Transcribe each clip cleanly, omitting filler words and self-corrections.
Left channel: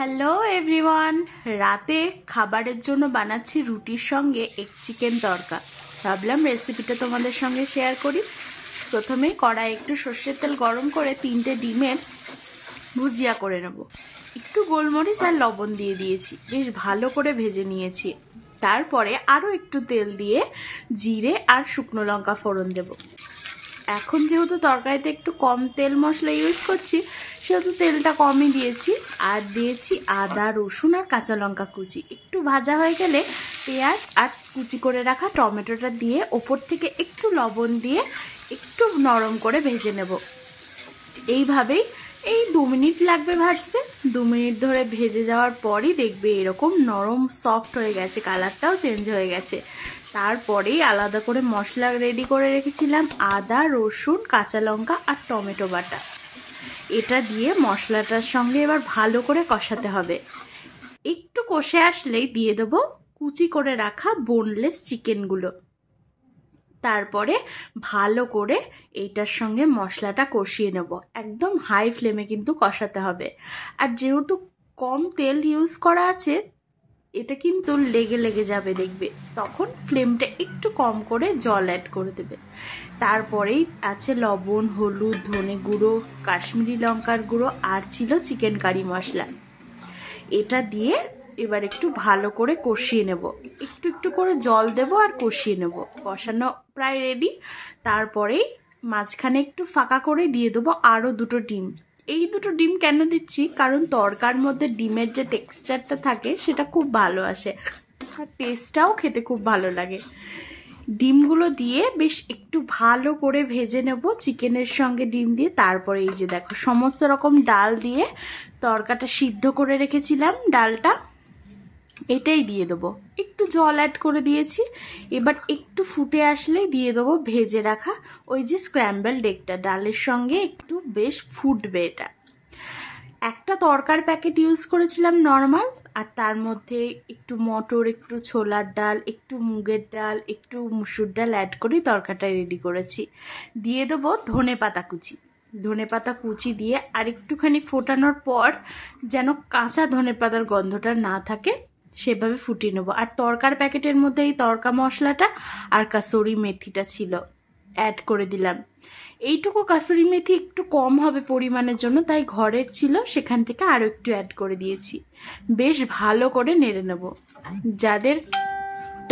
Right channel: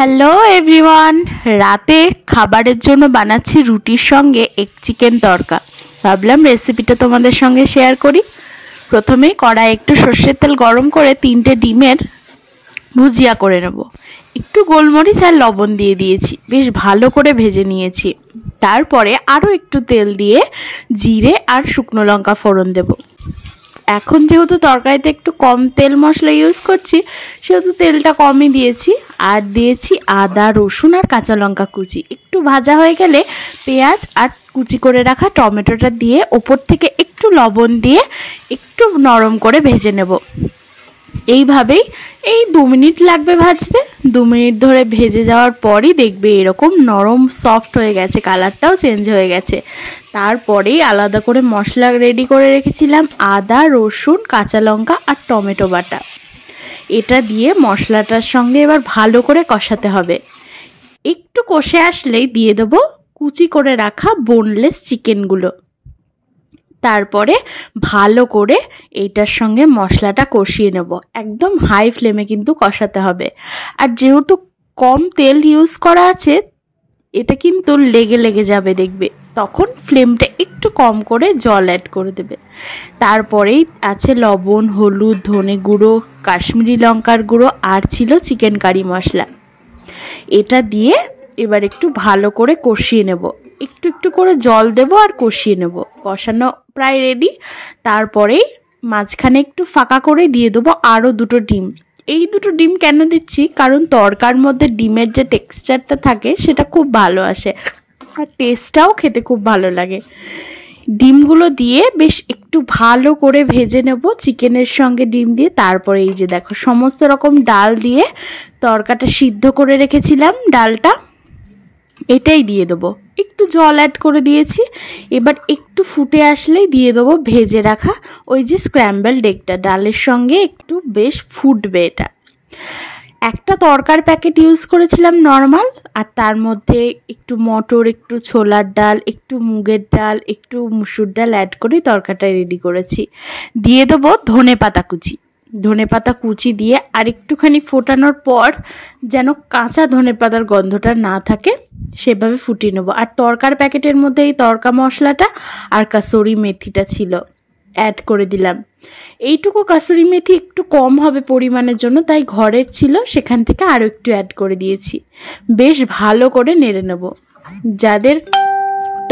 Hello everyone, রাতে খাবারের জন্য বানাচ্ছি রুটির সঙ্গে এগ চিকেন তড়কা। ভাবলাম রেসিপিটা তোমাদের সঙ্গে শেয়ার করি। প্রথমেই কড়াই একটু সর্ষের তেল গরম করে 3টে ডিমের ভুজিয়া করে নেব। একটু গোলমরিচ আর লবণ দিয়ে দিয়েছি, বেশ ভালো করে ভেজে নিয়েছি। তারপরে আরও একটু তেল দিয়ে জিরে আর শুকনো লঙ্কা ফোড়ন দেব। এখন যেহেতু তরকারিতে একটু কম তেল মশলা ইউজ করছি, সেহেতু তেলটা কমই দিয়েছি। আর দিয়েছি আদা, রসুন আর কাঁচা লঙ্কা কুচি। একটু ভাজা হয়ে গেলে পেঁয়াজ আর কুচি করে রাখা টমেটোটা দিয়ে ওপর থেকে একটু লবণ দিয়ে একটু নরম করে ভেজে নেব। এইভাবেই 2 মিনিট লাগবে ভাজতে। 2 মিনিট ধরে ভেজে যাওয়ার পরই দেখবে এরকম নরম সফট হয়ে গেছে, কালারটাও চেঞ্জ হয়ে গেছে। তারপরেই আলাদা করে মশলা রেডি করে রেখেছিলাম, আদা, রসুন, কাঁচা লঙ্কা আর টমেটো বাটা। এটা দিয়ে মশলাটার সঙ্গে এবার ভালো করে কষাতে হবে। একটু কষে আসলেই দিয়ে দেবো কুচি করে রাখা বোনলেস চিকেনগুলো। তারপরে ভালো করে এইটার সঙ্গে মশলাটা কষিয়ে নেব। একদম হাই ফ্লেমে কিন্তু কষাতে হবে। আর যেহেতু কম তেল ইউজ করা আছে, এটা কিন্তু লেগে লেগে যাবে দেখবে, তখন ফ্লেমটা একটু কম করে জল অ্যাড করে দেবে। তারপরেই আছে লবণ, হলুদ, ধনে গুঁড়ো, কাশ্মীরি লঙ্কার গুঁড়ো আর ছিল চিকেন কারি মশলা। এটা দিয়ে এবার একটু ভালো করে কষিয়ে নেব। একটু একটু করে জল দেব আর কষিয়ে নেব। কষানো প্রায় রেডি। তারপরেই মাঝখানে একটু ফাঁকা করে দিয়ে দেবো আরও 2টো ডিম। এই 2টো ডিম কেন দিচ্ছি, কারণ তরকার মধ্যে ডিমের যে টেক্সচারটা থাকে সেটা খুব ভালো আসে আর টেস্টটাও খেতে খুব ভালো লাগে। ডিমগুলো দিয়ে বেশ একটু ভালো করে ভেজে নেব চিকেনের সঙ্গে ডিম দিয়ে। তারপরে এই যে দেখো সমস্ত রকম ডাল দিয়ে তরকাটা সিদ্ধ করে রেখেছিলাম, ডালটা এটাই দিয়ে দেবো। একটু জল অ্যাড করে দিয়েছি। এবার একটু ফুটে আসলেই দিয়ে দেবো ভেজে রাখা ওই যে স্ক্র্যাম্বলড এগটা। ডালের সঙ্গে একটু বেশ ফুটবে এটা। একটা তরকার প্যাকেট ইউজ করেছিলাম নর্মাল, আর তার মধ্যে একটু মটর, একটু ছোলার ডাল, একটু মুগের ডাল, একটু মুসুর ডাল অ্যাড করে তরকাটা রেডি করেছি। দিয়ে দেবো ধনেপাতা কুচি। ধনেপাতা কুচি দিয়ে আর একটুখানি ফোটানোর পর যেন কাঁচা ধনেপাতার গন্ধটা না থাকে সেভাবে ফুটিয়ে নেবো। আর তরকার প্যাকেটের মধ্যে এই তরকা মশলাটা আর কাসুরি মেথিটা ছিল, অ্যাড করে দিলাম। এইটুকু কাসুরি মেথি একটু কম হবে পরিমাণের জন্য, তাই ঘরের ছিল, সেখান থেকে আরও একটু অ্যাড করে দিয়েছি। বেশ ভালো করে নেড়ে নেব। যাদের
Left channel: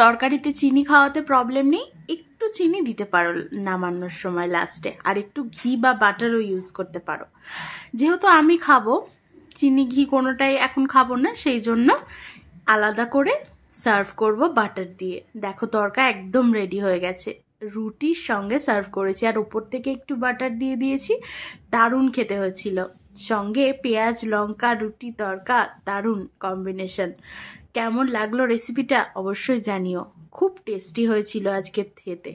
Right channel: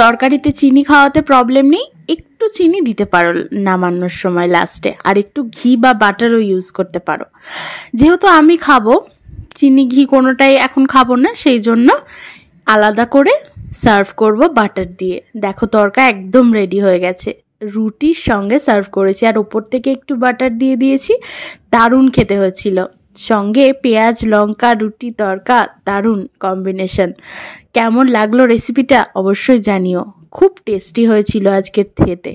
তরকারিতে চিনি খাওয়াতে প্রবলেম নেই, একটু চিনি দিতে পারো নামানোর সময় লাস্টে। আর একটু ঘি বা বাটারও ইউজ করতে পারো। যেহেতু আমি খাবো চিনি ঘি কোনোটাই এখন খাবো না, সেই জন্য আলাদা করে সার্ভ করব বাটার দিয়ে। দেখো তরকা একদম রেডি হয়ে গেছে। রুটির সঙ্গে সার্ভ করেছি আর ওপর থেকে একটু বাটার দিয়ে দিয়েছি। দারুণ খেতে হয়েছিল। সঙ্গে পেঁয়াজ, লঙ্কা, রুটি, তরকা, দারুণ কম্বিনেশন। কেমন লাগলো রেসিপিটা অবশ্যই জানিও। খুব টেস্টি হয়েছিল আজকের খেতে।